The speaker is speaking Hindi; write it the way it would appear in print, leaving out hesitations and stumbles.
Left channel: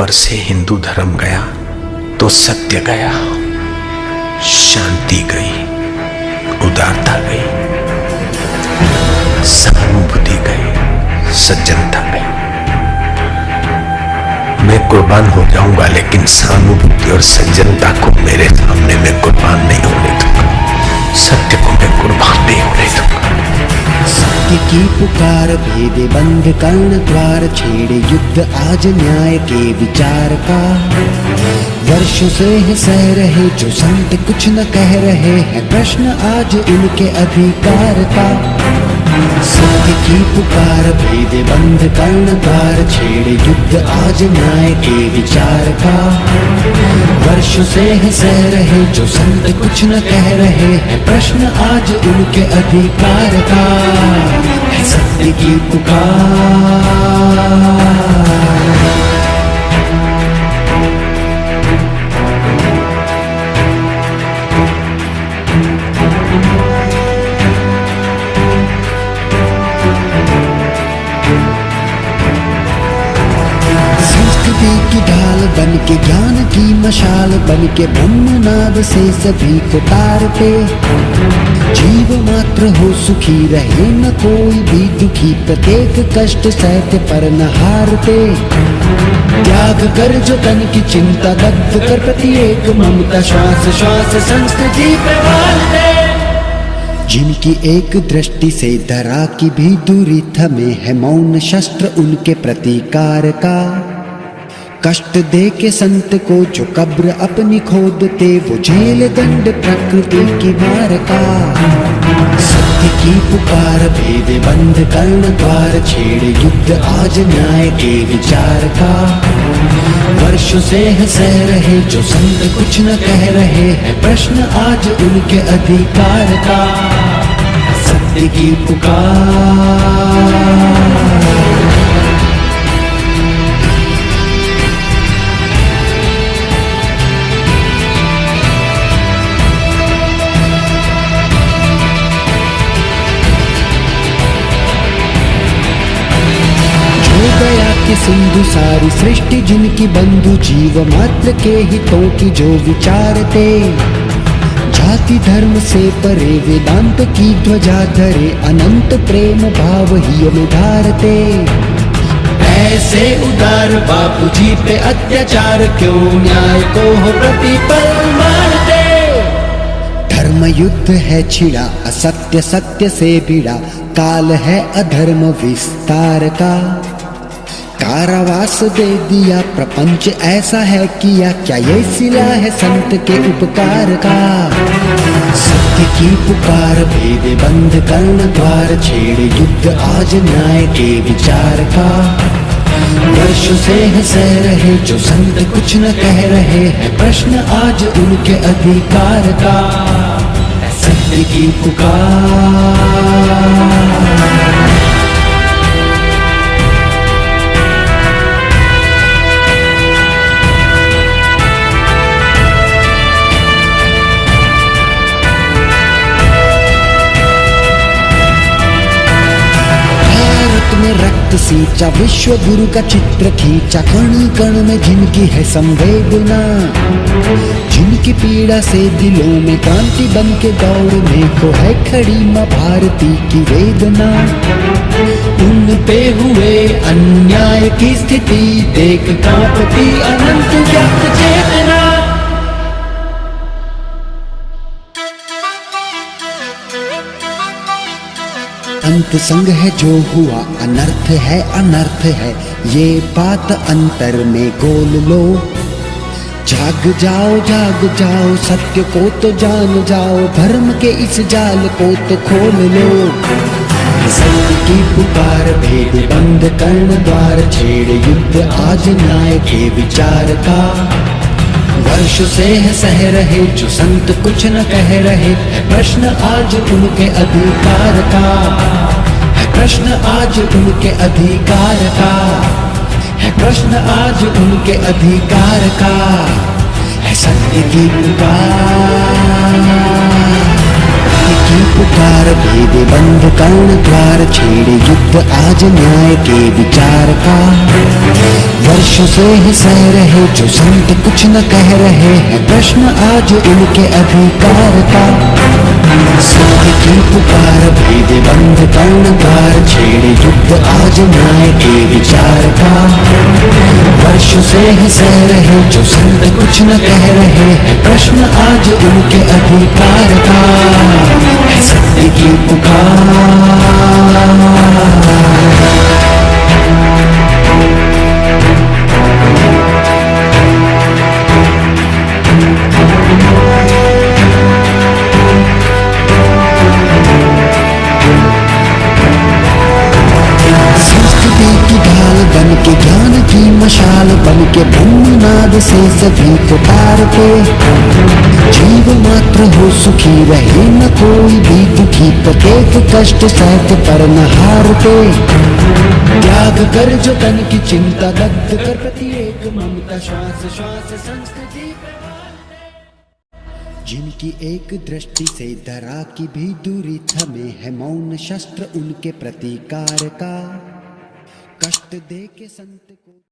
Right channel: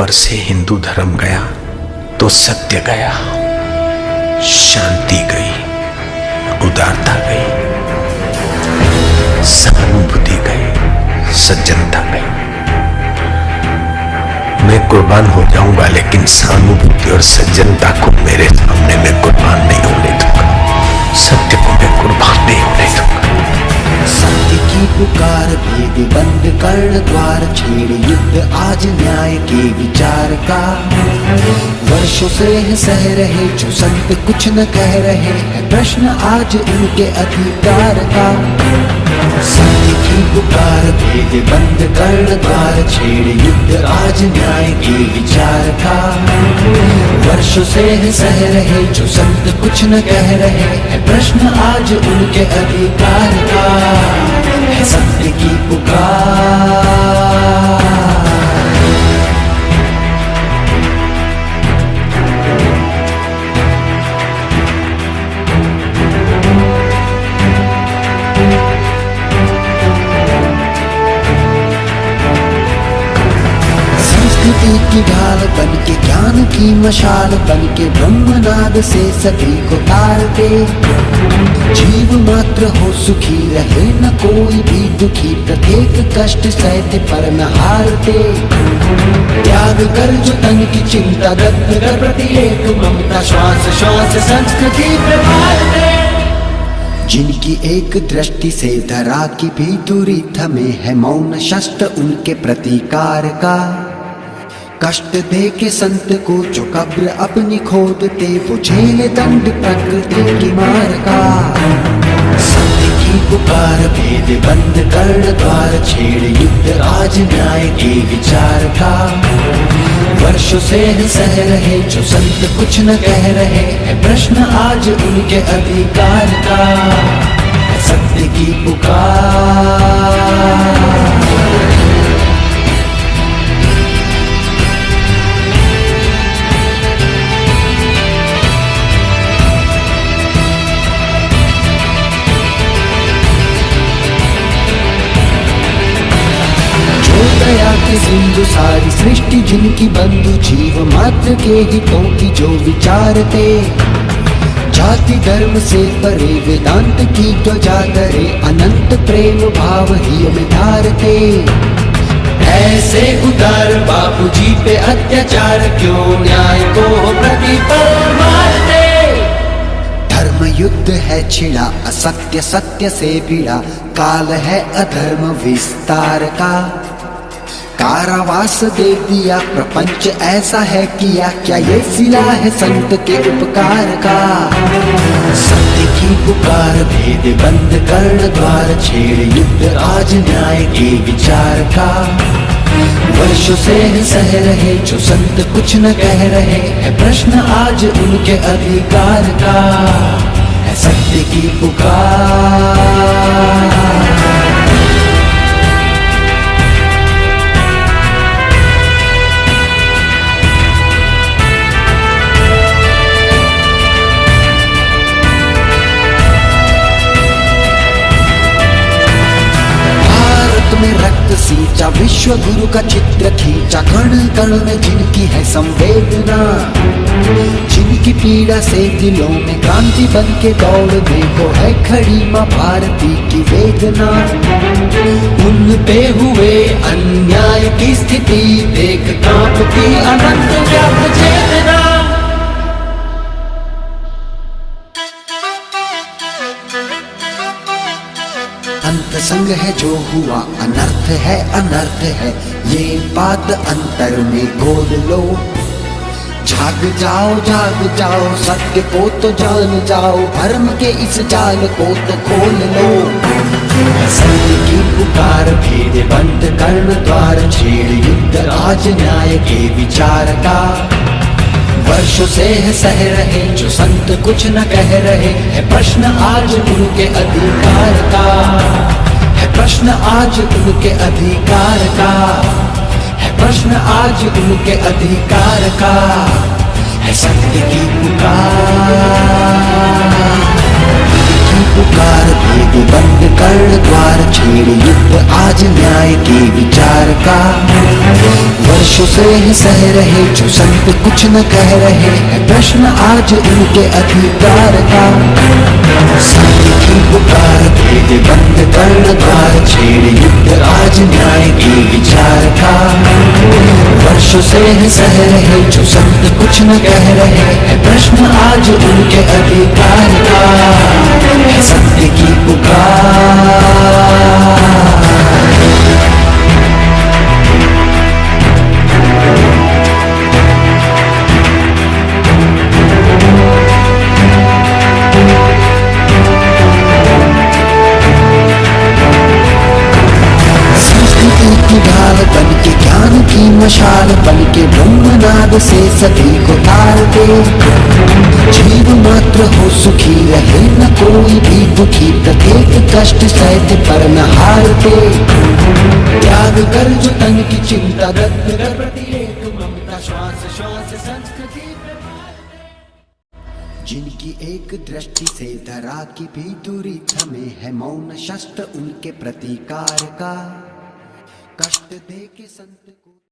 पर से हिंदू धर्म गया तो सत्य गया, शांति गई, उदारता गई, सहानुभूति गई, सज्जनता गई। मैं कुर्बान हो जाऊंगा लेकिन सहानुभूति और सज्जनता को मेरे सामने मैं कुर्बान नहीं होने दूंगा। सत्य को मैं कुर्बान नहीं होने दूंगा। सत्य की पुकार भेदे बंद कर्ण द्वार, छेड़े युद्ध आज न्याय के विचार का। वर्षों से है सह रहे जो संत कुछ न कह रहे हैं, प्रश्न आज उनके अधिकार का। सत्य की पुकार भेदे बंद कर्ण द्वार, छेड़े युद्ध आज न्याय के विचार का। वर्षों से है सह रहे जो संत कुछ न कह रहे हैं, प्रश्न आज उनके अधिकार का। है सत्य की पुकार। की ढाल बन के ज्ञान की मशाल बन के ब्रह्मनाद से सभी को तारते। जीव मात्र हो सुखी रहे न कोई भी दुखी, प्रत्येक कष्ट सहते पर न हारते। त्याग कर जो तन की चिंता, दग्ध कर प्रत्येक ममता, श्वास श्वास संस्कृति प्रवालते। जिनकी एक दृष्टि से धरा की भी दूरी थमे है, मौन शस्त्र उनके प्रतिकार का। कष्ट दे के संत को जो कब्र अपनी खोदते, वो झेल दंड प्रकृति की मार का। सत्य की पुकार भेद बंद कर्ण द्वार, छेड़े युद्ध आज न्याय के विचार का। वर्षों से है सह रहे जो संत कुछ न कह रहे हैं, प्रश्न आज उनके अधिकार का। सत्य की पुकार। दया की सिंधु सारी सृष्टि जिनकी बंधु, जीव मात्र के हितों की जो विचारते। जाति धर्म से परे वेदांत की ध्वजा धरे, अनंत प्रेम भाव ही में धारते। ऐसे उदार बापू जी पे अत्याचार क्यों, न्याय को हो प्रतिपल मारते। धर्म युद्ध है छिड़ा, असत्य सत्य से भिड़ा, काल है अधर्म विस्तार का। कारावास दे दिया प्रपंच ऐसा है किया, क्या ये सिला है संत के उपकार का। सत्य की पुकार भेद बंद कर्ण द्वार, छेड़े युद्ध आज न्याय के विचार का। वर्षों से है सह रहे जो संत कुछ न कह रहे हैं, प्रश्न आज उनके अधिकार का। सत्य की पुकार। में रक्त सींचा, विश्व गुरु का चित्र खींचा, कण कण में जिनकी है संवेदना। जिनकी पीड़ा से दिलों में क्रांति बन के दौड़ने को है खड़ी मां भारती की वेदना। उन पे हुए अन्याय की स्थिति देख कांपती अनंत व्याप्त चेतना। अंत संग है जो हुआ, अनर्थ है, ये बात अंतर में गोल लो। जाग जाओ, सत्य को तो जान जाओ, भरम के इस जाल को तो खोल लो। सत्य की पुकार भेद बंद कर्ण द्वार, छेड़ युद्ध आज न्याय के विचार का। वर्षों से है सह रहे जो संत कुछ न कह रहे हैं, प्रश्न आज उनके अधिकार का। है प्रश्न आज उनके अधिकार का। है प्रश्न आज उनके अधिकार का। है सत्य की पुकार। सत्य की पुकार भेद बंद कर्ण द्वार छेड़े युद्ध आज न्याय के विचार का। वर्षों से है सह रहे जो संत कुछ न कह रहे हैं, प्रश्न आज उनके अधिकार का। सत्य की पुकार भेद बंद कर्ण द्वार छेड़े युद्ध आज न्याय के विचार का। वर्षों से है सह रहे जो संत कुछ न कह रहे हैं, प्रश्न आज उनके अधिकार का। है सत्य की पुकार। की ढाल बन के ज्ञान की मशाल बन के ब्रह्मनाद से सभी को तारते। जीव मात्र हो सुखी रहे न कोई भी दुखी, प्रत्येक कष्ट सहते पर न हारते। त्याग कर जो तन की चिंता दग्ध कर प्रत्येक ममता श्वास श्वास संस्कृति। जिनकी एक दृष्टि से धरा की भी दूरी थमे है, मौन शस्त्र उनके प्रतिकार का। कष्ट दे के संत को